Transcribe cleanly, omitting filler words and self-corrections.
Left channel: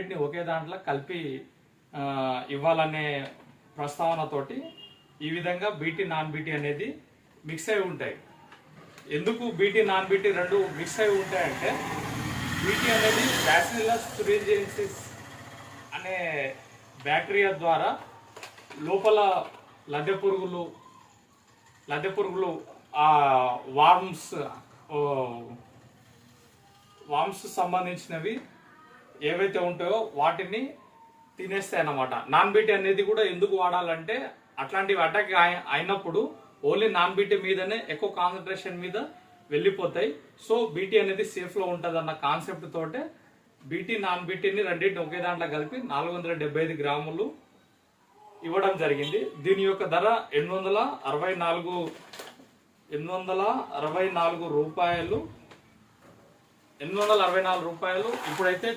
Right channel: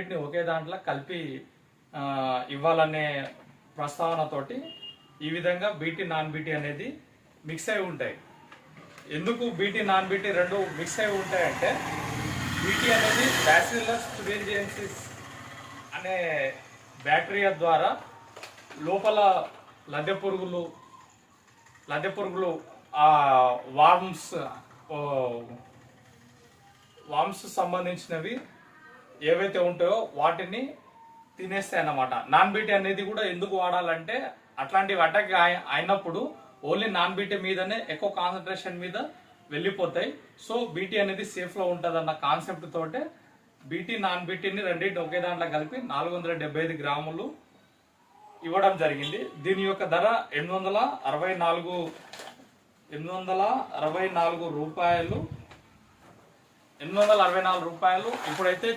వీటిని ఒకే దాంట్లో కలిపి ఇవ్వాలనే ప్రస్తావనతోటి ఈ విధంగా బీటీ నాన్ బీటీ అనేది మిక్స్ అయి ఉంటాయి. ఎందుకు బీటీ నాన్ బీటీ రెండు మిక్స్ అయి ఉంటాయంటే బీటీ అనేది బ్యాసిల్లస్ తురింజియన్సిస్ అనే బ్యాక్టీరియా ద్వారా లోపల లద్దె పురుగులు ఆ వామ్స్ సంబంధించినవి ఏవైతే ఉంటాయో వాటిని తినేస్తాయి అన్నమాట. నాన్ బీటీ అనేది కూడా ఎందుకు వాడాలంటే అట్లాంటివి అటాక్ అయినప్పుడు ఓన్లీ నాన్ బీటీ మీదనే ఎక్కువ కాన్సన్ట్రేషన్ మీద వెళ్ళిపోతాయి. సో బీటీ అనేది సేఫ్ లో ఉంటుంది అన్న కాన్సెప్ట్ తోటే బీటీ నాన్ బీటీని రెండింటిని ఒకే దాంట్లో కలిపి 475 గ్రాములు ఇవ్వడం జరిగింది. దీని యొక్క ధర 864 రూపాయలు. 864 రూపాయలు. ఇప్పుడైతే